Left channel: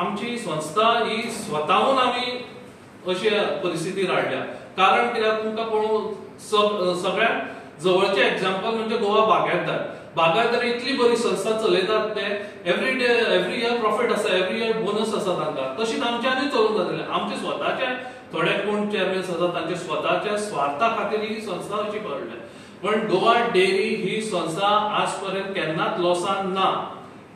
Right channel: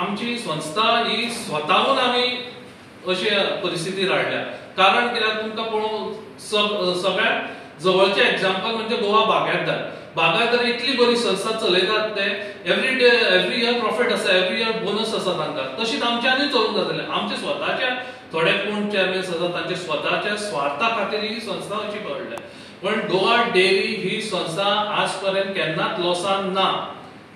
आमची संस्था ही स्वतःहून आम्ही अशी परिस्थिती हाडल्या. कारण कित्याक तुमकां पळोवन सगळ्यात जवळचे एग्जाम्पल म्हणजे गोवा बागायतदार. बागायतदार इतली बरी संस्था चलयतात ते एवरी इयर प्रॉफिट आसा, एवरी इयर बोनस आसा तांकां. तशीच आमच्यांनी चलूंक जातलें. आमचे स्वताचे थोडे कोण चेअरमॅन्स आसा तांचे स्वताच्या स्वार्था खातीर ही संस्था अशी पडल्या. पण गोवा डेअरी ही संस्था आज पर्यंत केन्नाच लॉसान ना.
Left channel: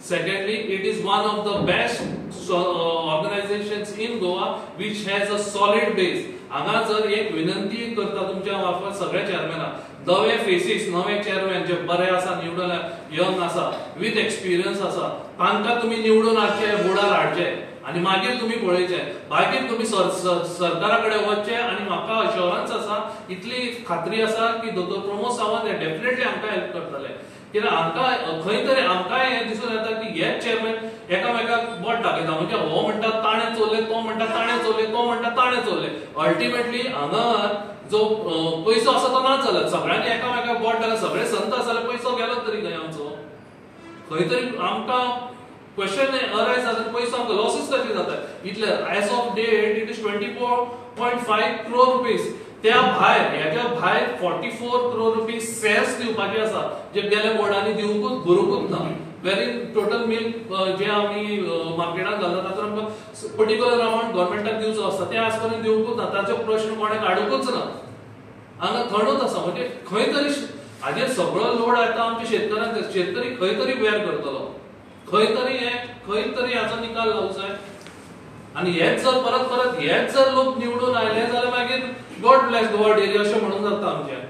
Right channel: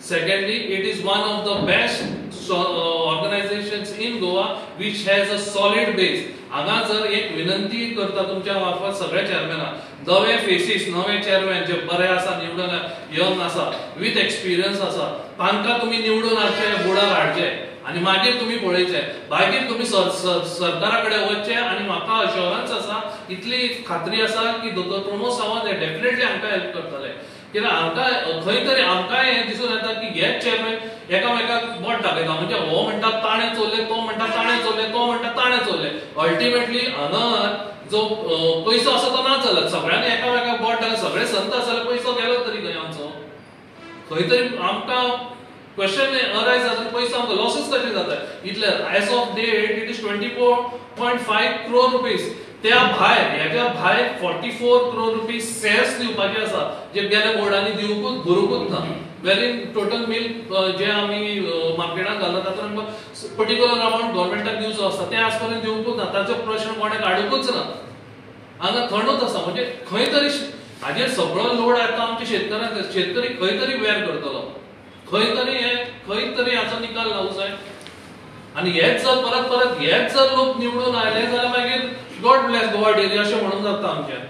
Secondly, it is one of the best organizations in Goa which has a solid base. हांगा जर एक विनंती करता तुमच्या मार्फत सगळ्या चेअरमॅनाक, नवे फेसीस, नवे चेअरमॅन जे बरे आसा, निवडून यंग आसा, विथ एक्सपिरियन्स आसा, तांकां तुम्ही निवडून हाडचे, बोर्डार हाडचे आणि मागीर तुम्ही पळयचे. मागीर तुम्ही सरकारा कडेन वचचे आणि म्हाका अश्योरन्स आसा, इतली खात्री आसा की दोतोर प्रमोद सावंत हे डेफिनेटली आमकां हेल्प करतले. कित्याक आमकां खंय तरी आमकां हें दिसून येता की हेच चेअरमॅन एकामेकाक बोट दाखयता. म्हणजे हो म्हणटा ताणें चोरले, तो म्हणटा ताणें चोरले, तो म्हणटा ताणें चोरले. अल्टिमेटली हांगा जो पयसो आसा तो नाच जालो. सगळ्यांनी एकामेकाक बोट दाखयता, सगळे संत आसा जाल्यार पयसो गेलो तरी खंय आमचो. खंय तरी आमकां क्वेश्चन अरायज जाता, पयसो आमकां लॉसीस कशे जाता. इतले as of date it is 24.5 crore rupees. त्या भायर हेच्या भायर 44 crore रुपीज सेस दिवपाचे आसा, जे गेल्या बोर्डांनी दिवूंकूच भरूंकूच ना. वेरी टोटल मिल्क जे आमी मार्केटात घालतात तातूंत आमकां पर्टिक्युलर अमाउंट गव्हर्नमेंटाक दिवचो आसता, ते आज पर्यंत दिवूंकूच ना. ताचो प्रश्न कोणें काडूंकूच ना. हांगा थंडूच आसा. म्हणजे खंय तरी हाजेर सगळो लोड येता आमच्या शेतकऱ्यांक. शेतकरी खंय तरी वेर करतलो, खंय तरी हाचो निकाल लावूं जाय. आणि हेच जर परत हेच जर लोक निवडून आयले जाल्यार मागीर गॉड ब्लेस गोवा डेअरी अशें म्हणून जाता आमच्या.